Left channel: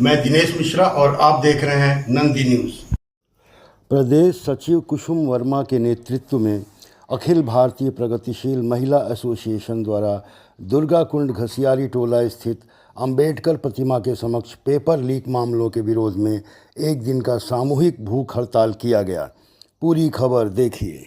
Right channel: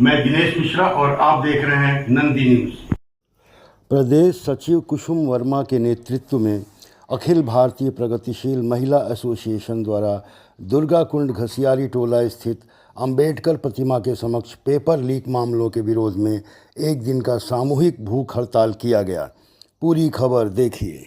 मैं दिनेश मिश्रा और आप देख रहे हैं नंदी न्यूज़। प्रदेश सचिव कुसुम वर्मा के नेतृत्व में अखिल भारतीय प्रगतिशील महिला एसोसिएशन द्वारा दुर्गा कुंड घसियारी टोला स्थित अंबेडकर प्रतिमा के समक्ष पेपर लीक मामलों के विरोध में एक दिन का सामूहिक भूख हड़ताल किया गया। पूरी खबर देखिए।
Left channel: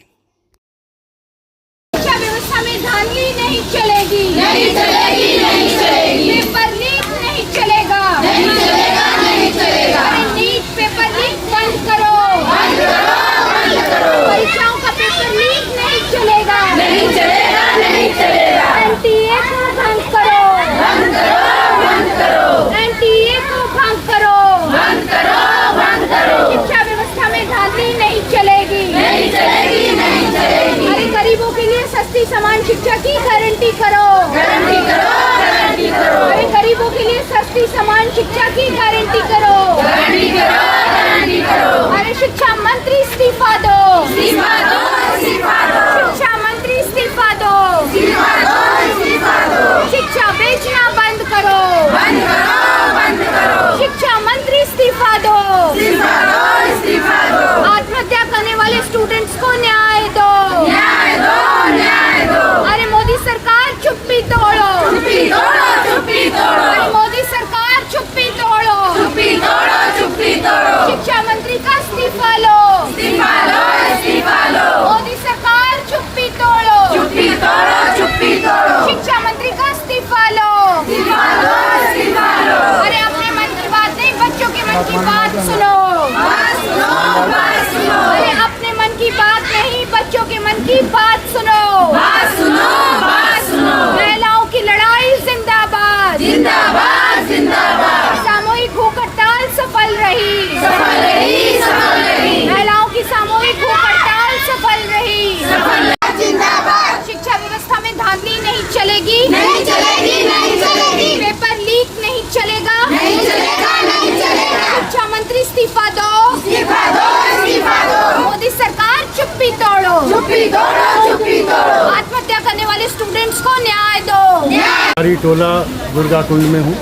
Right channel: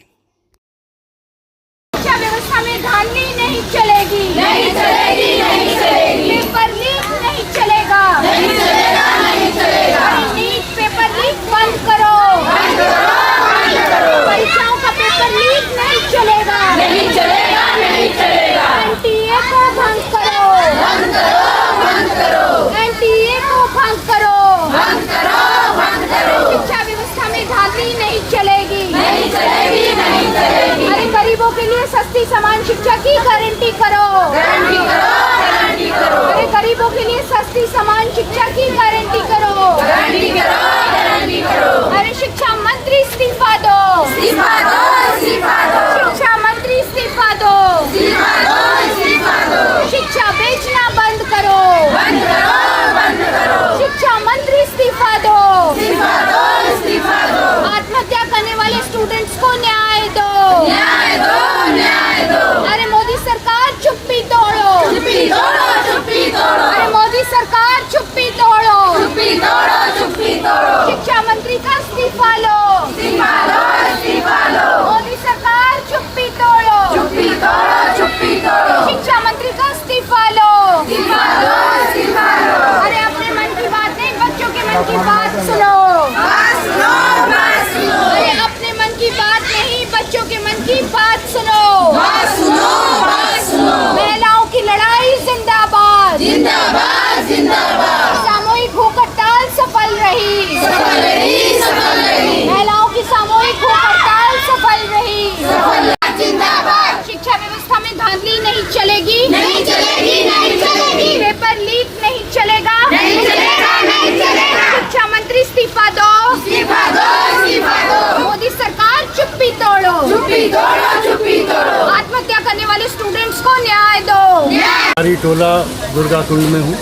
शिक्षा व्यवस्था में धांधली नहीं चलेगी, नहीं चलेगी, नहीं चलेगी। पेपर लीक नहीं चलेगा, नहीं चलेगा, नहीं चलेगा। नीट पेपर लीक बंद करो, बंद करो, बंद करो। परीक्षाओं का पेपर लीक नहीं चलेगा, नहीं चलेगा, नहीं चलेगा। एनटीए को भंग करो, बंद करो, बंद करो। एनटीए को भंग करो, बंद करो, बंद करो। शिक्षा व्यवस्था में धांधली नहीं चलेगी, नहीं चलेगी, नहीं चलेगी। अरे गरीबों के लिए सस्ती समान शिक्षा की गारंटी करो, गारंटी करो, गारंटी करो। अरे गरीबों के लिए सस्ती समान शिक्षा की गारंटी करो, गारंटी करो, गारंटी करो। अरे शिक्षा मंत्री इस्तीफा दो, इस्तीफा दो, इस्तीफा दो। शिक्षा मंत्री इस्तीफा दो, इस्तीफा दो, इस्तीफा दो। शिक्षा बेचना बंद करो, बंद करो, बंद करो। शिक्षा मंत्री इस्तीफा दो, इस्तीफा दो, इस्तीफा दो। आत्महत्या करने वाले स्टूडेंट्स को न्याय दो, न्याय दो, न्याय दो। अरे मोदी सरकार चुप्पी तोड़ो, चुप्पी तोड़ो, चुप्पी तोड़ो। अरे मोदी सरकार चुप्पी तोड़ो, चुप्पी तोड़ो, चुप्पी तोड़ो। शिक्षा मंत्री का इस्तीफा लो, इस्तीफा लो, इस्तीफा लो। मोदी सरकार चुप्पी तोड़ो, चुप्पी तोड़ो, चुप्पी तोड़ो। शिक्षा मंत्री का इस्तीफा लो, इस्तीफा लो, इस्तीफा लो। अरे अपने मन की बात नहीं, बच्चों के मन की बात सुनो, बात सुनो, बात सुनो। अरे अपने मन की बात नहीं, बच्चों के मन की बात सुनो, बात सुनो, बात सुनो। महिलाओं की लड़ाई जिंदाबाद, जिंदाबाद, जिंदाबाद। सामूहिक भूख हड़ताल सफल रही, सफल रही, सफल रही। महिलाओं की सामूहिक भूख हड़ताल सफल रही, सफल रही, जिंदाबाद। शिक्षा व्यवस्था में धांधली नहीं चलेगी, नहीं चलेगी, नहीं चलेगी। पेपर लीक नहीं चलेगा, नहीं चलेगा, नहीं चलेगा। शिक्षा मंत्री इस्तीफा दो, इस्तीफा दो, इस्तीफा दो। मोदी सरकार चुप्पी तोड़ो, चुप्पी तोड़ो, चुप्पी तोड़ो। आत्महत्या करने वाले स्टूडेंट्स को न्याय दो, न्याय। टोला दुर्गा कुंड में हूँ।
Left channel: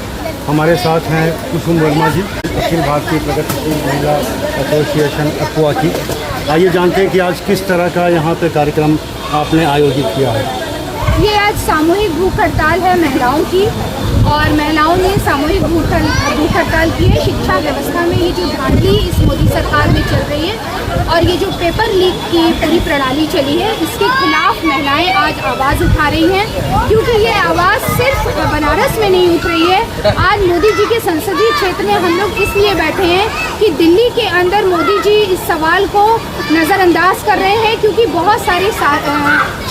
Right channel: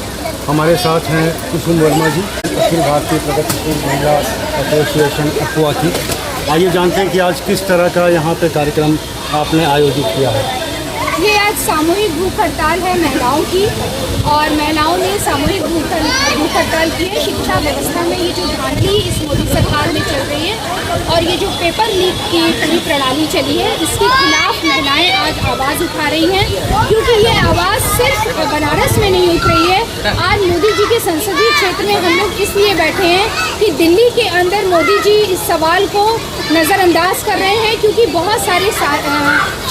हमारे साथ हैं कुसुम वर्मा जी, अखिल भारतीय प्रगतिशील महिला एसोसिएशन अक्वा की। आइए जानते हैं कि आज किस तरह का यहाँ पे कार्यक्रम आपने आयोजित किया है। ये आज सामूहिक भूख हड़ताल है महिलाओं की, और महिलाओं ने सामूहिक भूख हड़ताल की है। शिक्षा व्यवस्था में ये जो धांधली इस मोदी सरकार में चल रही है और ये जो पेपर लीक की पूरी प्रणाली चली है, इसके खिलाफ महिलाएं आज आवाज़ उठा रही हैं, क्योंकि ये आवाज़ सिर्फ बनारस में नहीं उठ रही है। आज मोदी जी के संसदीय क्षेत्र में हम लोग इसलिए बैठे हैं कि दिल्ली के अंदर मोदी जी इस सवाल को नज़रअंदाज कर रहे हैं, क्योंकि बहुत सारे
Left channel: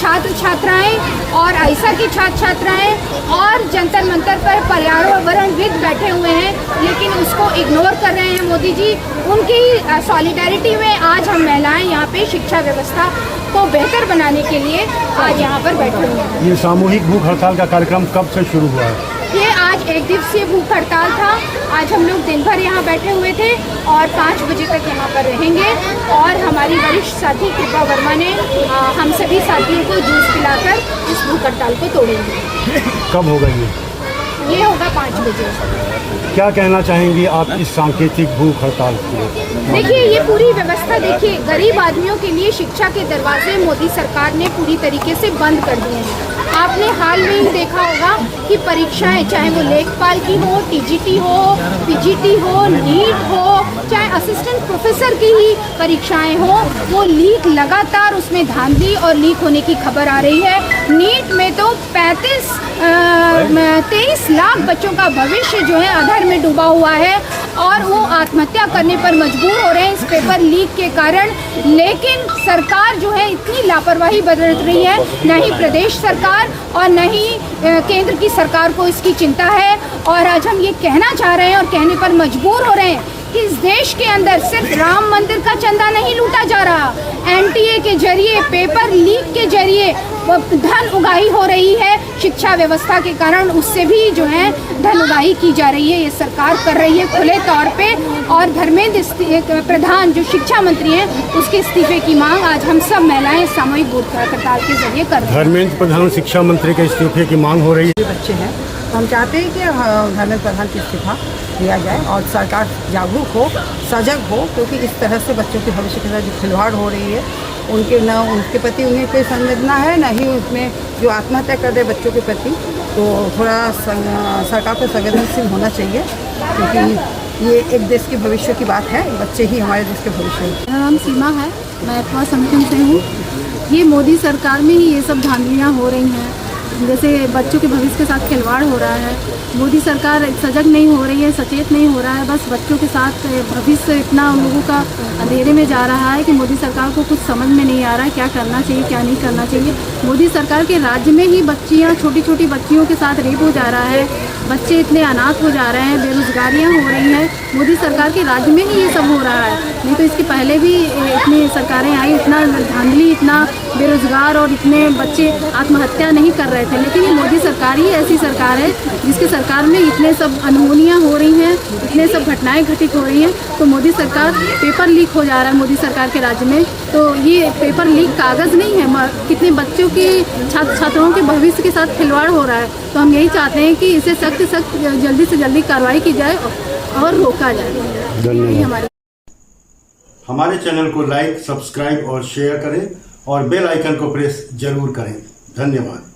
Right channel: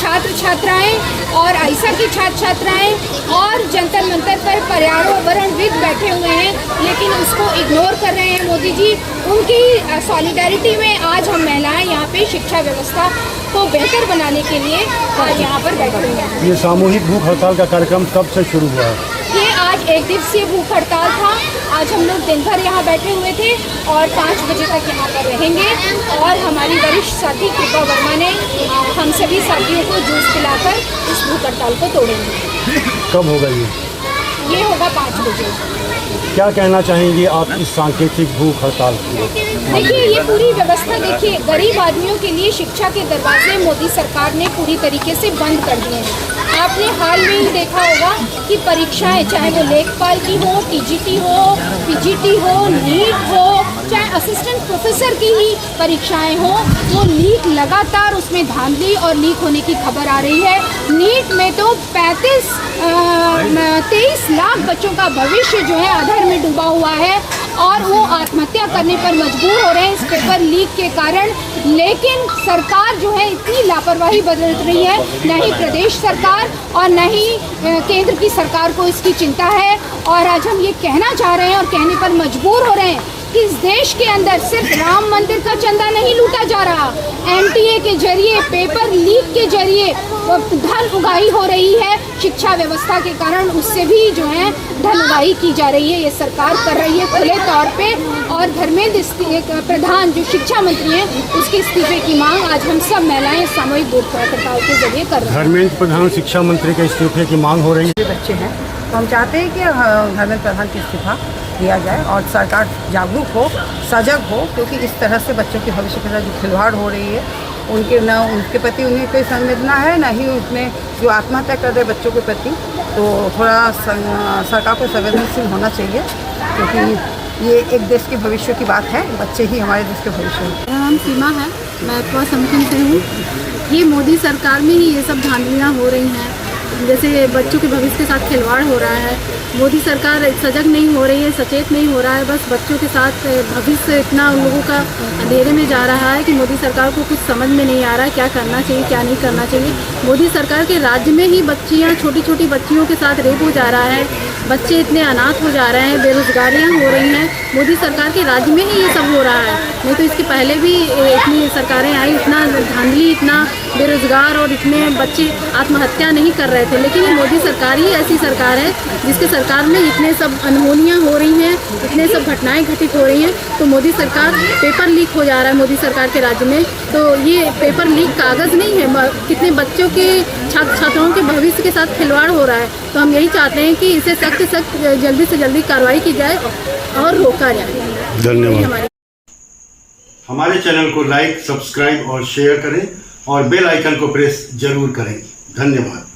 छात्र छात्राएँ और आइसा के छात्र छात्राएँ और जंतर मंतर पर पर्यावरणविद बैठे हुए हैं, लेकिन उसको इग्नोर कर रहे हैं मोदी जी। उनकी सॉलिडारिटी में आज हम महिलाएं यहाँ पे शिक्षा व्यवस्था को बेहतर बनाने के लिए आज यहाँ पर बैठे हुए हैं। ये सामूहिक भूख हड़ताल का कार्यक्रम कब से शुरू हुआ है? ये आज एक दिवसीय भूख हड़ताल था। आज हम लोग दिन भर यहाँ बैठे हुए थे और 5 बजे तक यहाँ पर रहेंगे, और हमारी वरिष्ठ साथी कृपा वर्मा ने हम सभी साथियों को जूस पिलाकर इस भूख हड़ताल को तोड़ेंगे। कब होगा ये होगा 5 बजे। क्या कहना चाहेंगी आप इस सांकेतिक भूख हड़ताल के? देखिए, ये पूरी व्यवस्था देखिए, गरीब आदमियों के लिए शिक्षा के दरवाजे मोदी सरकार ने पूरी तरीके से बंद कर दिए हैं। आपने हाल में ही देखा होगा कि परीक्षाएं, चाहे वो लेखपाल की हो, टीजीटी हो, पीजीटी हो, नीट हो, चाहे असिस्टेंट प्रोफेसर की ही परीक्षाएं हो, वो लीक लगातार उसमें धांधली और लीक होने की खबर आ रही है। नीट में तो 23 लाख बच्चों का भविष्य जो है अधर में डूबा हुआ है, और वो आत्महत्या करने पर मजबूर हो रहे हैं इस पेपर लीक के कारण। लेकिन सरकार जो है इतनी लापरवाही बरत रही है, न ही प्रदेश सरकार और न ही केंद्र की सरकार को इसकी चिंता है। और आज हम ये कहना चाह रहे हैं और कहने पर मजबूर हो रहे हैं कि इस देश के अंदर सिर्फ राम मंदिर का चंदा नहीं लूटा जा रहा, एनटीए के जरिए, पेपर लीक के जरिए धन उगाही हो रही है। शिक्षा व्यवस्था के कारण उससे भी जो है धन उगाही की जा रही है, ये सरकार कर रही है खुले तौर पे। और धर्मेंद्र प्रधान जो शिक्षा मंत्री हैं, उसके इस्तीफे की मांग आज हम सब महिलाएं सामूहिक भूख हड़ताल के जरिए कर रहे हैं। धर्मेंद्र प्रधान शिक्षा मंत्री के इस्तीफे की मांग हो रही है। बच्चे हैं, तो हम चाहते हैं कि धर्मेंद्र प्रधान की इस्तीफा किया जाए और सरकार जागरूक हो, सजग हो, क्योंकि इस तरह से बच्चों के भविष्य के साथ जो खिलवाड़ हो रही है, उनके प्रति उन्हें कोई संवेदना है, ना ही उसमें जो आत्महत्या कर रहे बच्चों के प्रति। तो थोड़ा सरकार को संवेदनशील होना चाहिए, क्योंकि ये एक देश के भविष्य की बात है, बच्चे ही हमारे देश के भविष्य हैं। मेरा नाम सीमा है, मैं पवा समथिंग से हूँ। ये मोदी सरकार में ही ये सब धांधलियाँ हो रही हैं, जैसे बच्चों के भविष्य के साथ खिलवाड़ हो रहा है। मोदी सरकार सजग नहीं हो रही है, सचेत नहीं हो रहा है, बस बच्चों के साथ भविष्य इतना उन लोगों का अंधेरे में जा रहा है कि मोदी सरकार को कुछ समझ में नहीं आ रहा है क्या करना चाहिए, क्या नहीं करना चाहिए। मोदी सरकार के राज्य में ही बच्चियाँ, छोटी छोटी बच्चियों के साथ रेप हो जा रहा है, बच्चे इतने अनाथ हो जा रहे हैं, बेरोजगारियाँ हो रही हैं। मोदी सरकार के राज्य में ही ये सब हो रहा है, नहीं तो इसके पहले भी इतनी सरकारें आई, इतना धांधली, इतना बेरोजगार और इतने बच्चे आत्महत्या नहीं कर रहे थे। लेकिन ये मोदी सरकार ही ऐसी सरकार है जिसकी सरकार में इतने सब अनहोनियाँ हो रही हैं, इतने सब घटनाएं घटित हो रही हैं। तो मोदी सरकार, पेपर लीक हो जा रहा है मोदी सरकार के राज्य में। तो ये पेपर लीक कागज़ नहीं है, कितने बच्चों के, छात्र छात्राओं के भविष्य के साथ खिलवाड़ हो रहा है। तो हम यही चाहते हैं कि इसे सख्त से सख्त जल्दी से जल्दी कार्रवाई की जाए और रोका जाए। धन्यवाद। हमारे चैनल को लाइक, सब्सक्राइब और शेयर करें और बेल आइकन को प्रेस जरूर करें। धन्यवाद।